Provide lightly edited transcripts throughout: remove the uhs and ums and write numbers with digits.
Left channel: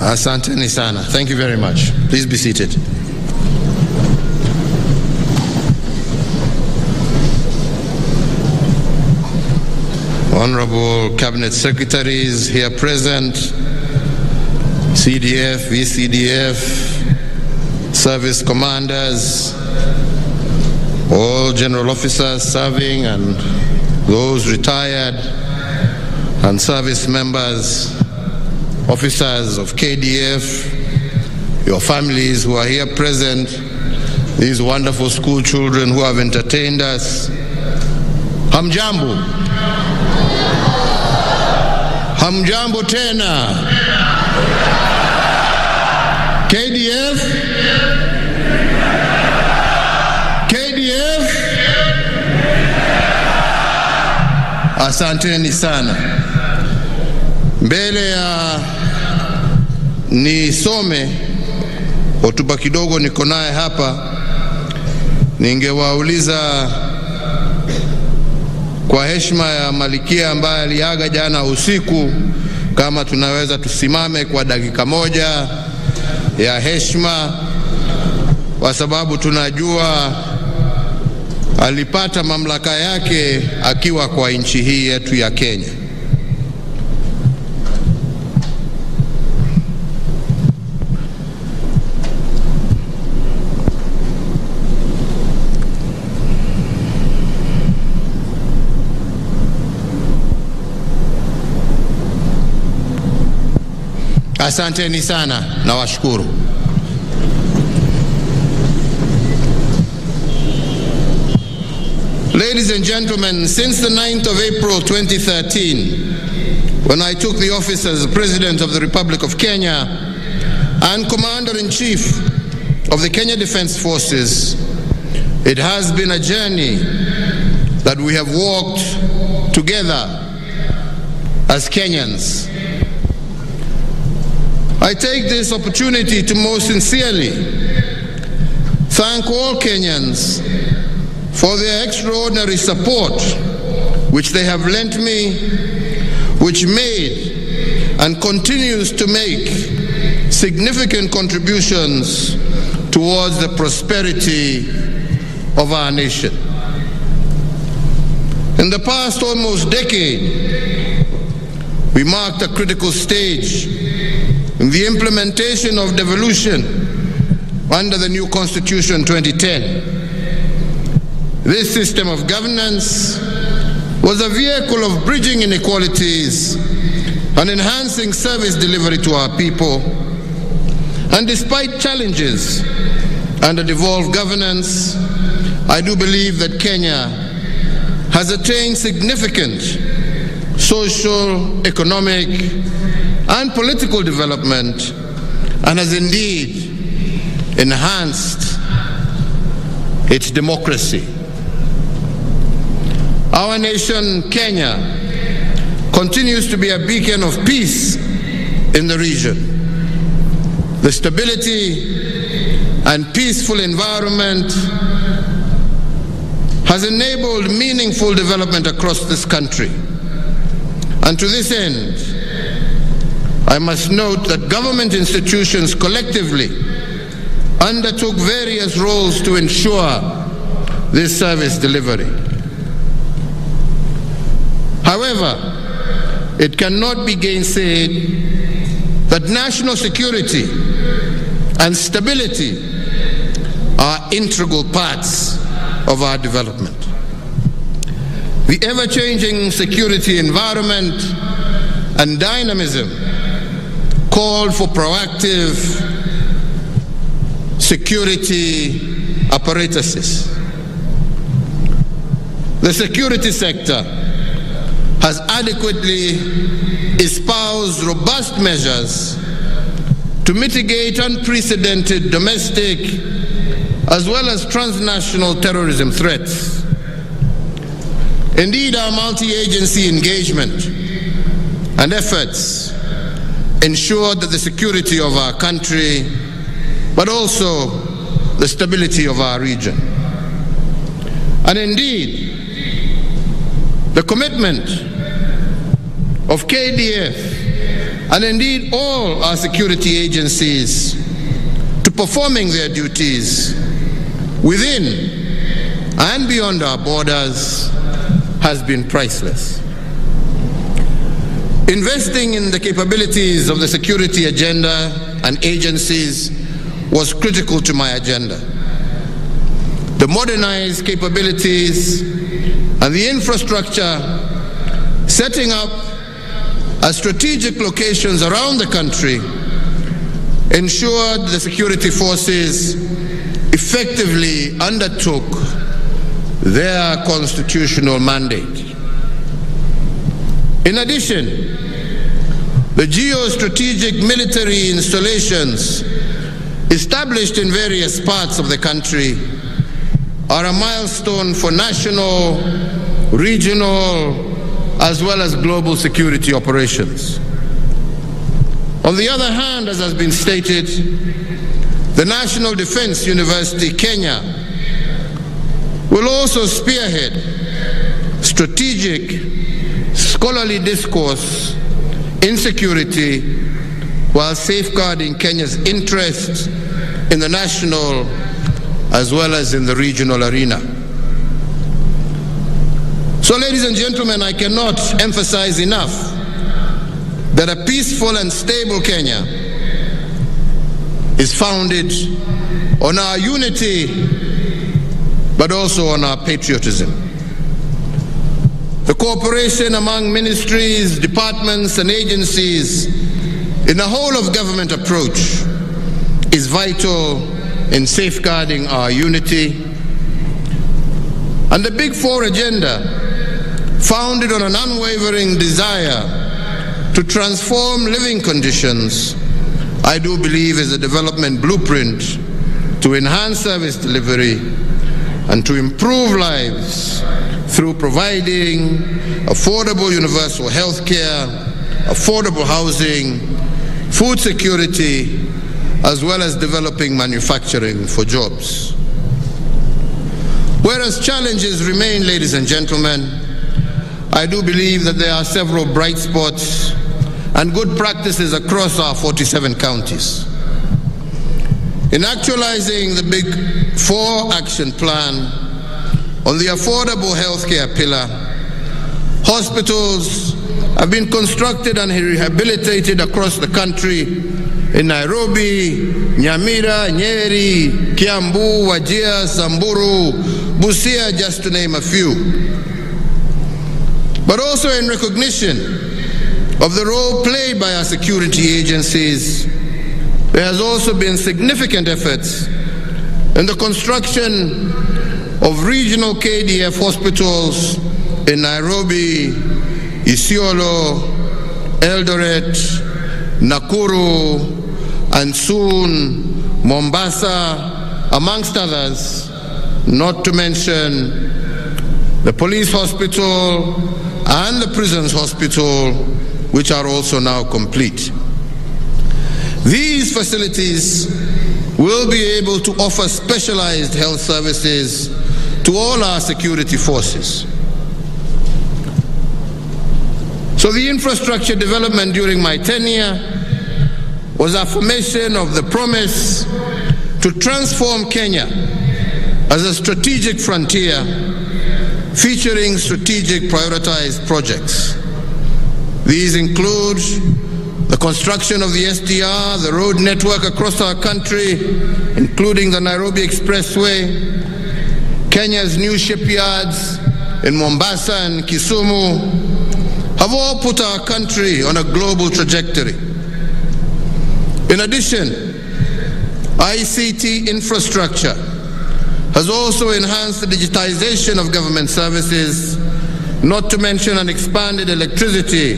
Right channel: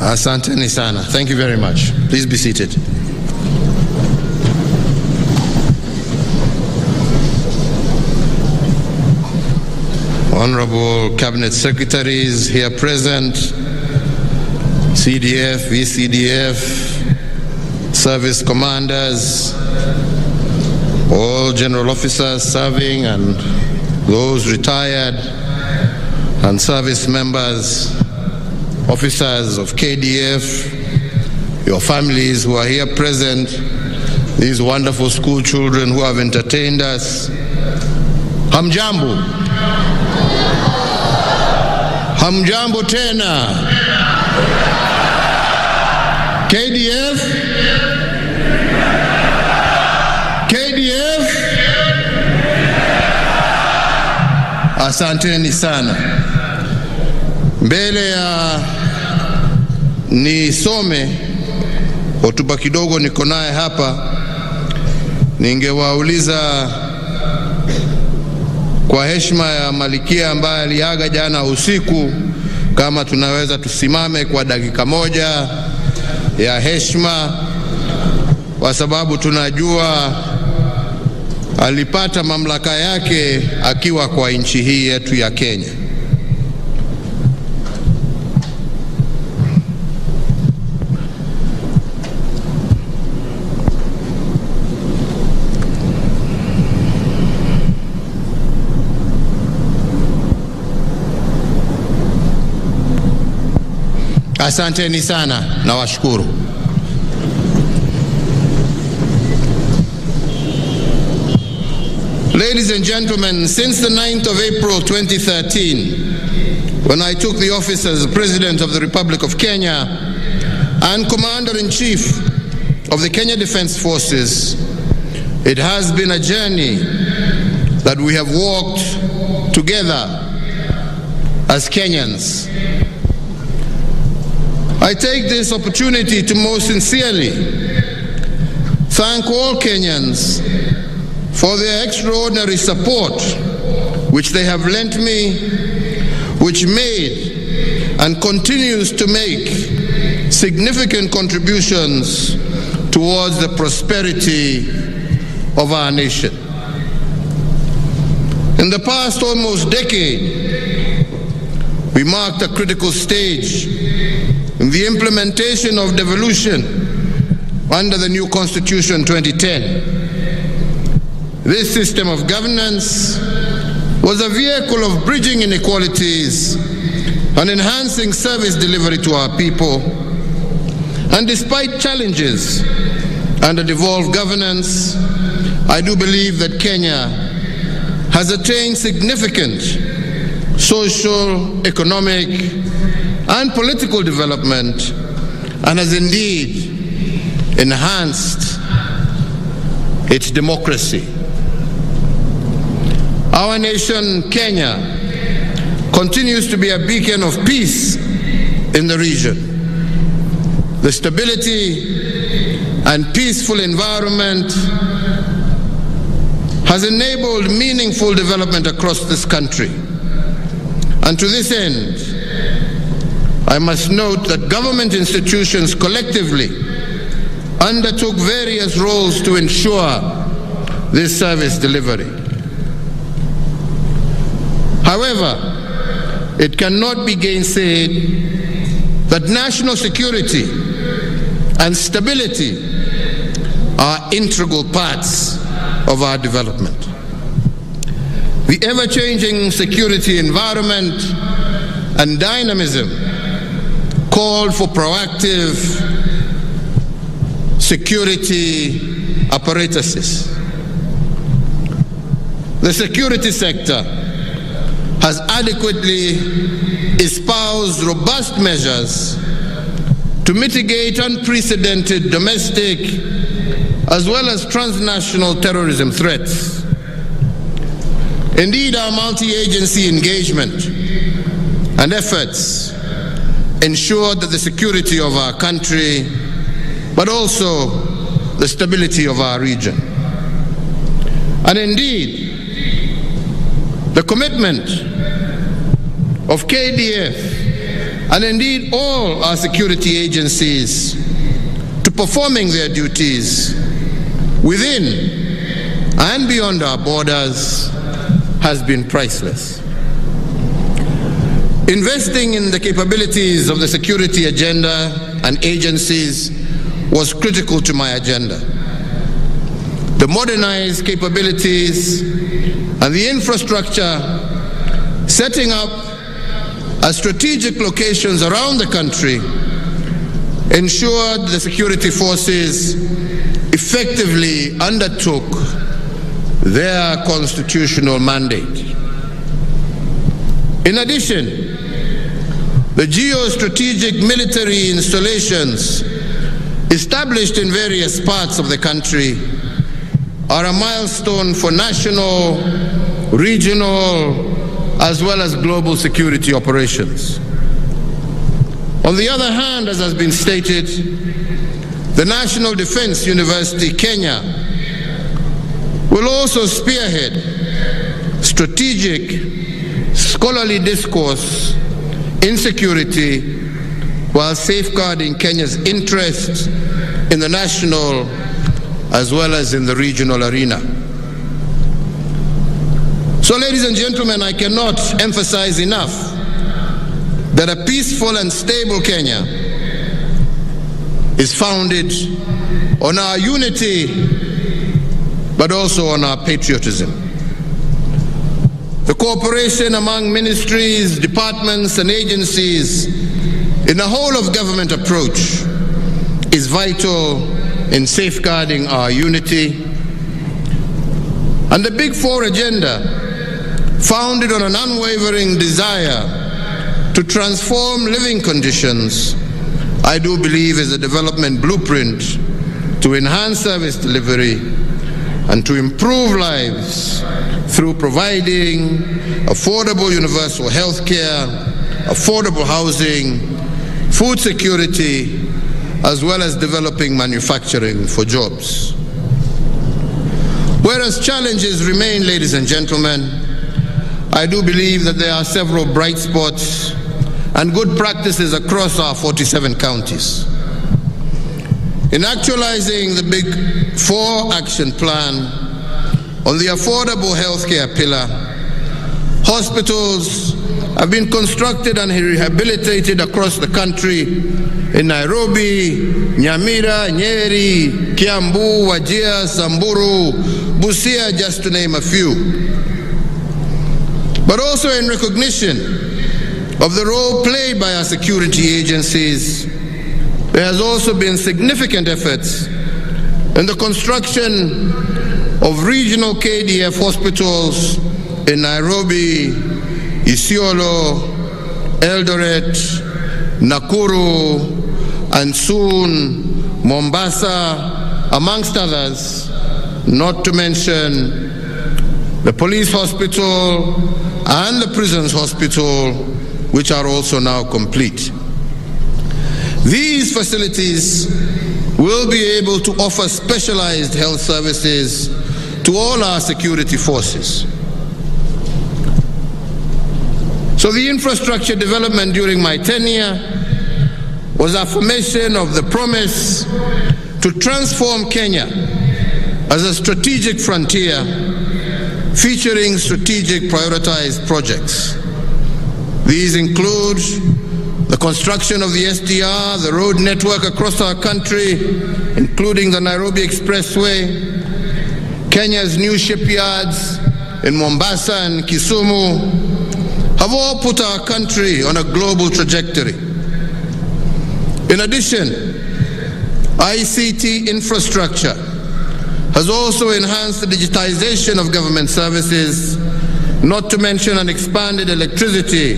Asanteni sana. Thank you very much. Please be seated. Honorable Cabinet Secretaries here present, CDF, VCDF, service commanders, all general officers serving and those retired, and service members, officers of KDF, your families who are here present, these wonderful school children who have entertained us. Hamjambo. Hamjambo tena. KDF. KDF. Asanteni sana. Mbele ya nisome hotuba kidogo niko naye hapa, ningewauliza kwa heshima ya Malikia ambaye aliaga jana usiku, kama tunaweza tusimame kwa dakika moja ya heshima, kwa sababu tunajua alipata mamlaka yake akiwa kwa nchi hii yetu ya Kenya. Asanteni sana na washukuru. Ladies and gentlemen, since the 9th of April 2013, when I took the office as President of the Republic of Kenya and Commander-in-Chief of the Kenya Defense Forces, it has been a journey that we have walked together as Kenyans. I take this opportunity to most sincerely thank all Kenyans for their extraordinary support which they have lent me, which made and continues to make significant contributions towards the prosperity of our nation. In the past almost decade, we marked a critical stage in the implementation of devolution under the new Constitution 2010. This system of governance was a vehicle of bridging inequalities and enhancing service delivery to our people. And despite challenges under devolved governance, I do believe that Kenya has attained significant social, economic, and political development, and has indeed enhanced its democracy. Our nation, Kenya, continues to be a beacon of peace in the region. The stability and peaceful environment has enabled meaningful development across this country. And to this end, I must note that government institutions collectively undertook various roles to ensure this service delivery. However, it cannot be gainsaid that national security and stability are integral parts of our development. The ever-changing security environment and dynamism called for proactive security apparatuses. The security sector has adequately espoused robust measures to mitigate unprecedented domestic as well as transnational terrorism threats. Indeed, our multi-agency engagement and efforts ensure that the security of our country, but also the stability of our region. And indeed, the commitment of KDF and indeed all our security agencies to performing their duties within and beyond our borders has been priceless. Investing in the capabilities of the security agenda and agencies was critical to my agenda. The modernized capabilities and the infrastructure setting up at strategic locations around the country ensured the security forces effectively undertook their constitutional mandate. In addition, the geostrategic military installations established in various parts of the country are a milestone for national, regional, as well as global security operations. On the other hand, as has been stated, the National Defense University, Kenya, will also spearhead strategic, scholarly discourse in security while safeguarding Kenya's interests in the national as well as in the regional arena. So, ladies and gentlemen, I cannot emphasize enough that a peaceful and stable Kenya is founded on our unity, but also on our patriotism. The cooperation among ministries, departments, and agencies in a whole-of-government approach is vital in safeguarding our unity. And the Big Four agenda, founded on an unwavering desire to transform living conditions, I do believe is a development blueprint to enhance service delivery and to improve lives through providing affordable universal health care, affordable housing, food security, as well as developing manufacturing for jobs. Whereas challenges remain, ladies and gentlemen, I do believe that there are several bright spots and good practices across our 47 counties. In actualizing the Big Four action plan on the affordable healthcare pillar, hospitals have been constructed and rehabilitated across the country in Nairobi, Nyamira, Nyeri, Kiambu, Wajir, Samburu, Busia, just to name a few. But also in recognition of the role played by our security agencies, there has also been significant efforts in the construction of regional KDF hospitals in Nairobi, Isiolo, Eldoret, Nakuru, and soon Mombasa, amongst others, not to mention the police hospital and the prisons hospital, which are also now complete. These facilities will be able to offer specialized health services to all our security forces. So the infrastructure development during my tenure was affirmation of the promise to transform Kenya as a strategic frontier featuring strategic prioritized projects. These include the construction of the SDR, the road network across our country, including the Nairobi Expressway, Kenya's new shipyards in Mombasa and Kisumu, have all put our country on a global trajectory. In addition, ICT infrastructure has also enhanced the digitization of government services, not to mention an expanded electricity,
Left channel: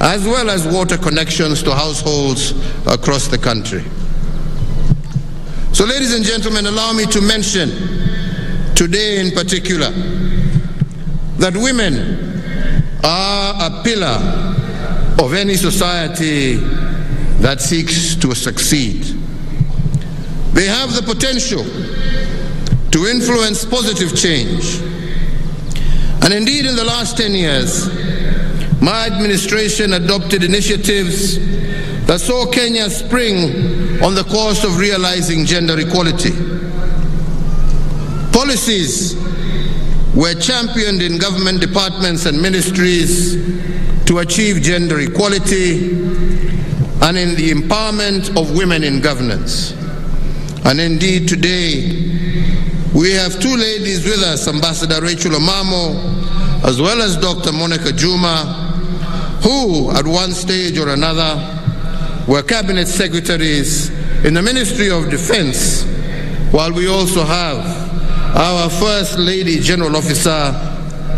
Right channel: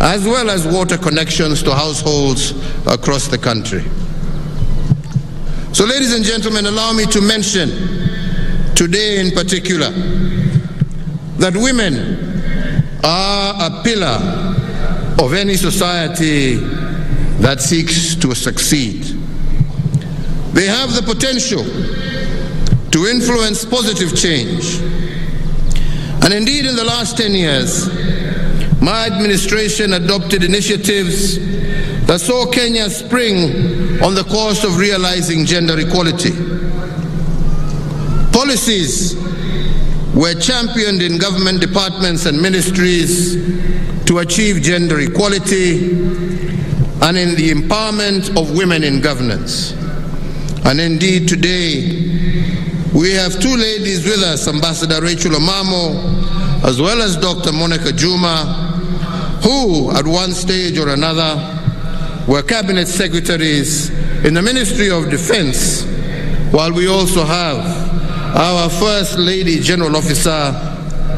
as well as water connections to households across the country. So, ladies and gentlemen, allow me to mention today in particular that women are a pillar of any society that seeks to succeed. They have the potential to influence positive change. And indeed, in the last 10 years, my administration adopted initiatives that saw Kenya spring on the course of realizing gender equality. Policies were championed in government departments and ministries to achieve gender equality and in the empowerment of women in governance. And indeed, today, we have two ladies with us, Ambassador Rachel Omamo, as well as Dr. Monica Juma, who, at one stage or another, were cabinet secretaries in the Ministry of Defense, while we also have our First Lady General Officer,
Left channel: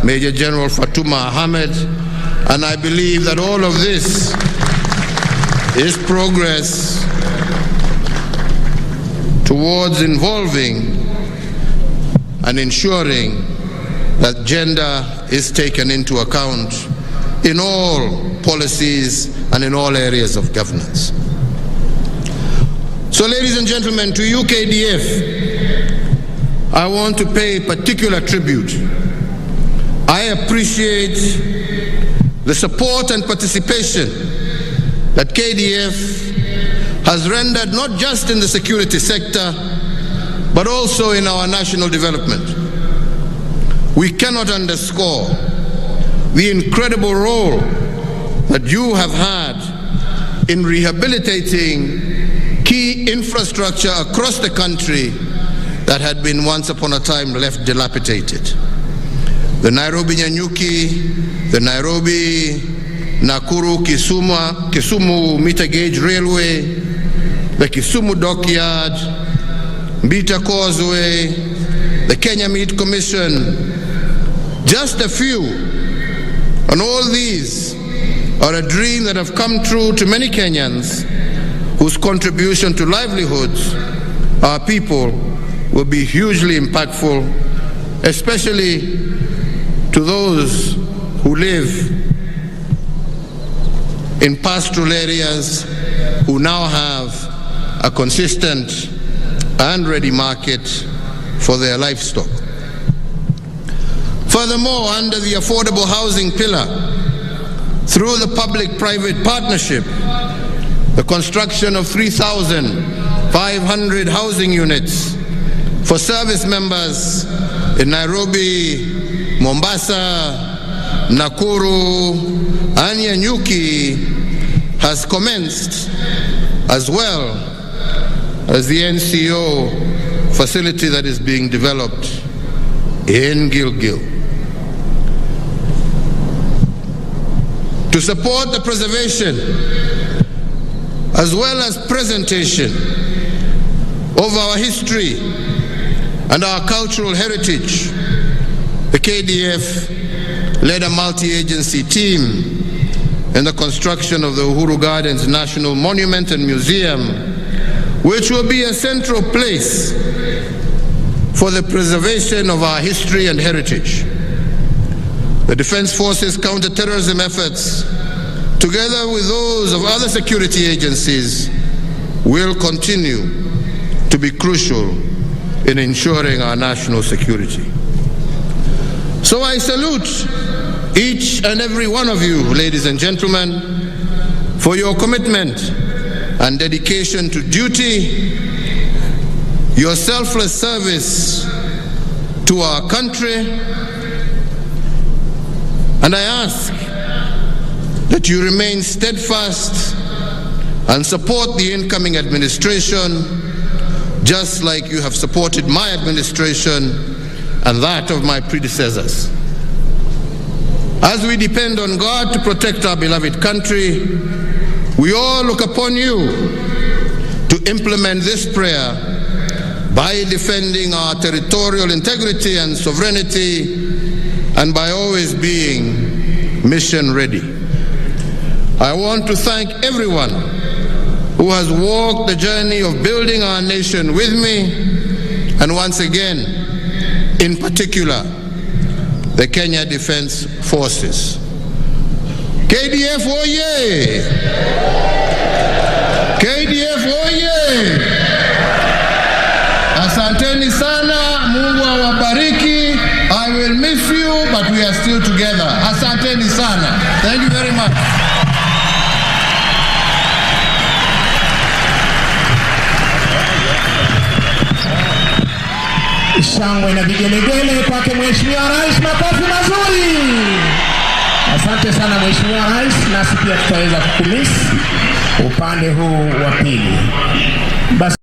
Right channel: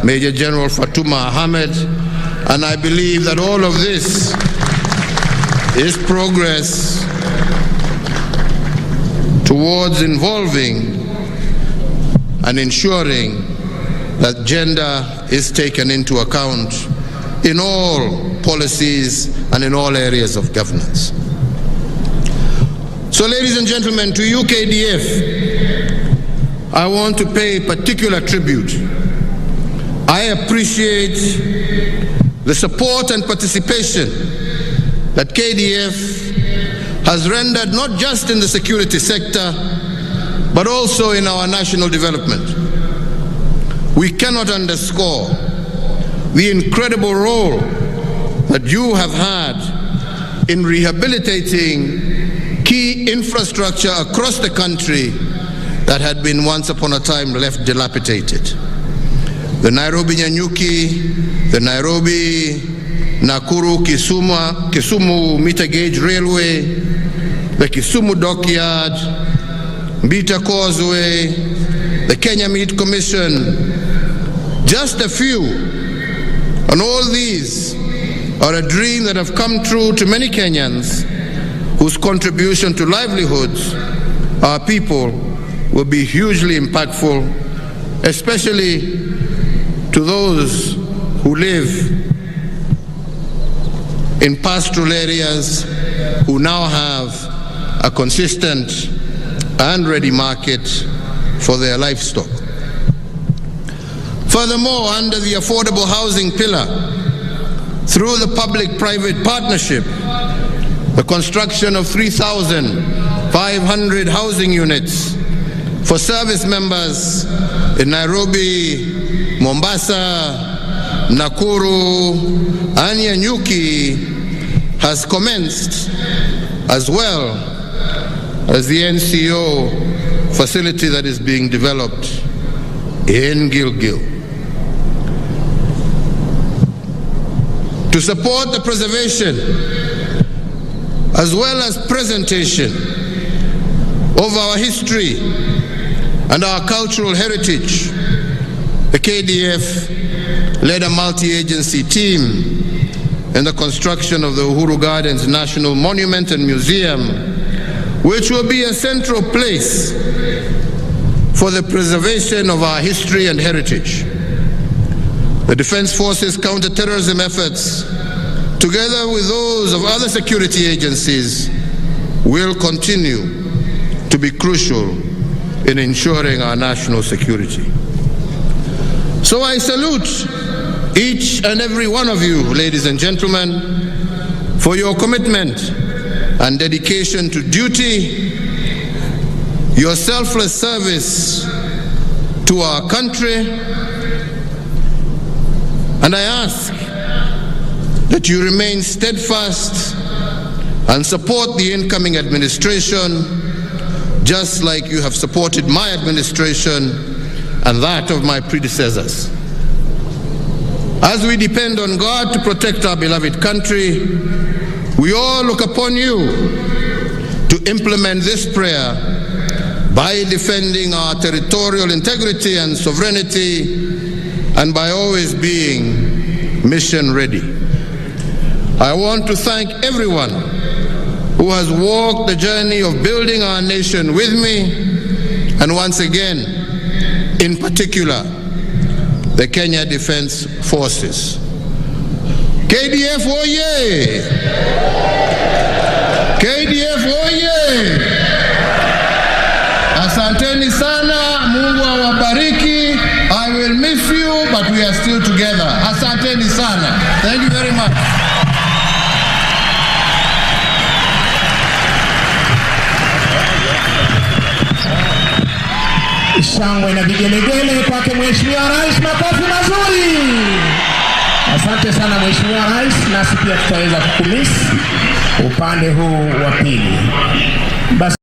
Major General Fatuma Ahmed, and I believe that all of this is progress towards involving and ensuring that gender is taken into account in all policies and in all areas of governance. So, ladies and gentlemen, to you, KDF, I want to pay particular tribute. I appreciate the support and participation that KDF has rendered not just in the security sector, but also in our national development. We cannot underscore the incredible role that you have had in rehabilitating key infrastructure across the country that had been once upon a time left dilapidated. The Nairobi-Nyanyuki, the Nairobi-Nakuru-Kisumu meter gauge railway, the Kisumu dockyard, Mbita Causeway, the Kenya Meat Commission, just a few. And all these are a dream that have come true to many Kenyans whose contribution to livelihoods, our people, will be hugely impactful, especially to those who live in pastoral areas who now have a consistent and ready market for their livestock. Furthermore, under the affordable housing pillar, through the public-private partnership, the construction of 3,500 housing units for service members in Nairobi, Mombasa, Nakuru, and Nyanyuki has commenced, as well as the NCO facility that is being developed in Gilgil. To support the preservation as well as presentation of our history and our cultural heritage, the KDF led a multi-agency team in the construction of the Uhuru Gardens National Monument and Museum, which will be a central place for the preservation of our history and heritage. The Defense Forces counter-terrorism efforts, together with those of other security agencies, will continue to be crucial in ensuring our national security. So I salute each and every one of you, ladies and gentlemen, for your commitment and dedication to duty, your selfless service to our country, and I ask that you remain steadfast and support the incoming administration, just like you have supported my administration and that of my predecessors. As we depend on God to protect our beloved country, we all look upon you to implement this prayer by defending our territorial integrity and sovereignty, and by always being mission ready. I want to thank everyone who has walked the journey of building our nation with me, and once again, in particular, the Kenya Defense Forces. KDF oye! KDF oye! Asanteni sana, Mungu awabariki. I will miss you, but we are still together. Asanteni sana. Thank you very much. Shangwe na vigelegele kwake Mheshimiwa Rais, makofi mazuri. Asante sana Mheshimiwa Rais, nasi pia tutaweza kukumisi upande huu wa pili. Basi